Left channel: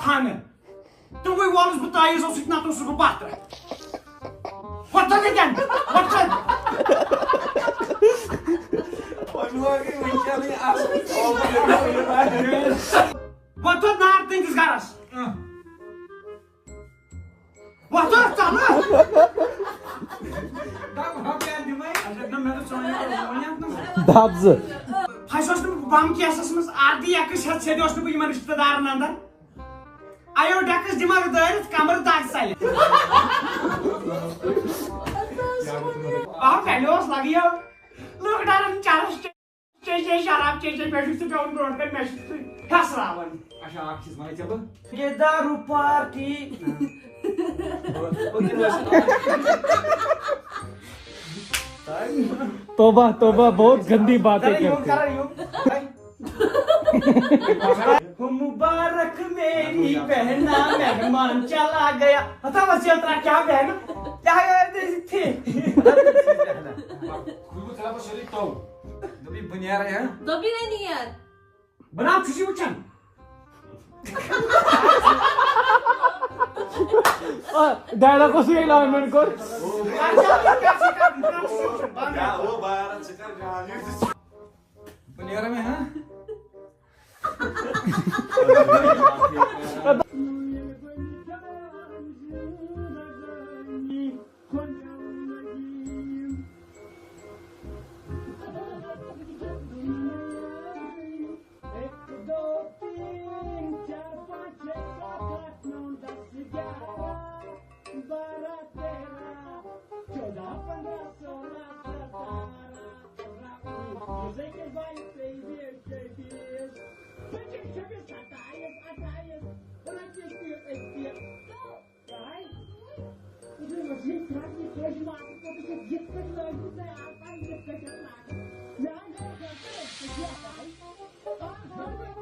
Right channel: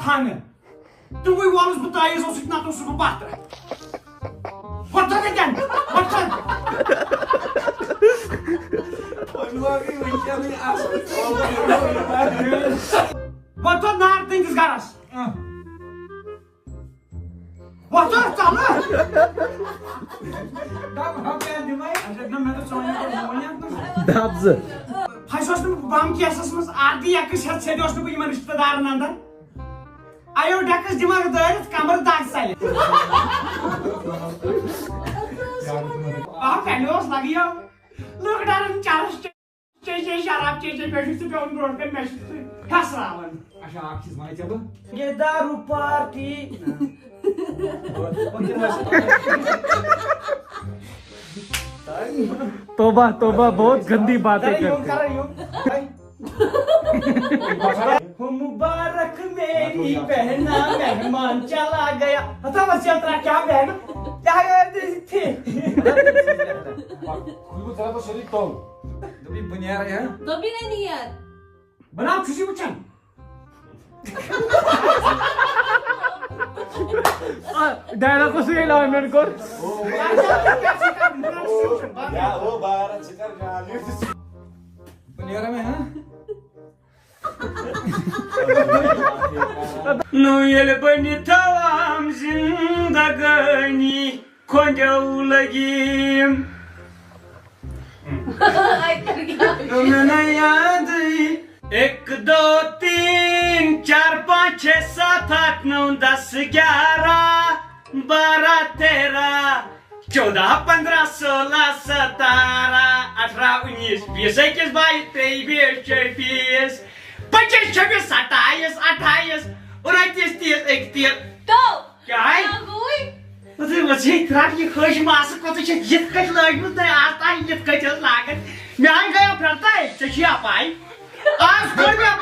खाने तो वही वालस बताइए सो सितना तो सुबह बात रहा what again what what not think is garas what are tama Dabs. Hasos nu bam ki asasımız ardi yakış hat sediyoruz nu bu iman riştedarın andan. Ayo dakış dimag dayret kamar dag sayı. Ah pelos lagi ya. Look darın charış çeşe şarap çeşe meşhur pe on road pe meşhur. Hasravan. Aşağı akçiz mana çabı. Gedaru party. तोबा तोबा बहुत गंदी बातें करते मुबारक मेरी बहना मेहमान चला गया हता वसिया तरा क्या बहन क्या थे Kuyruğu tarafa şerik tol. Dobi bunyara ya. Dobi ne niyet? बना खुशी उछन डायलॉग को सुन लो मेरे को Bunyara में हाँ. Noel bani tavam zindagani konjaulagim Ay कर गया. मैंने याद 1 2 3 4 5 6 7 8 9 10 11 12 13 14 15 16 17 18 19 20 21 22 23 25 26 27 28 29 30 31 तो क्या है कोई मतलब वैसे इतना ये खुश मास को तो ये कट लागत है आता ये कट लागत मैं आ गया फिरता है चशिया पाई आज कोई में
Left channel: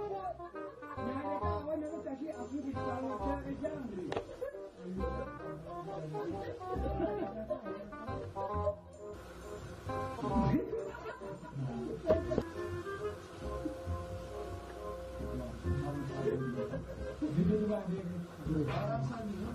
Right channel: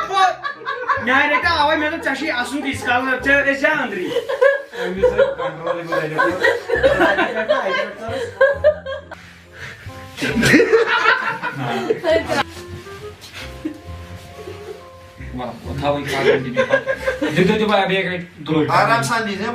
मैं रे का आवे मैं तो चशी आसू दिस का चे जा अंदरी Öyle sen kontrol edecek. Wah, tahu ikan di depan. Itu coba biar kayak dulu. Arab sandi ne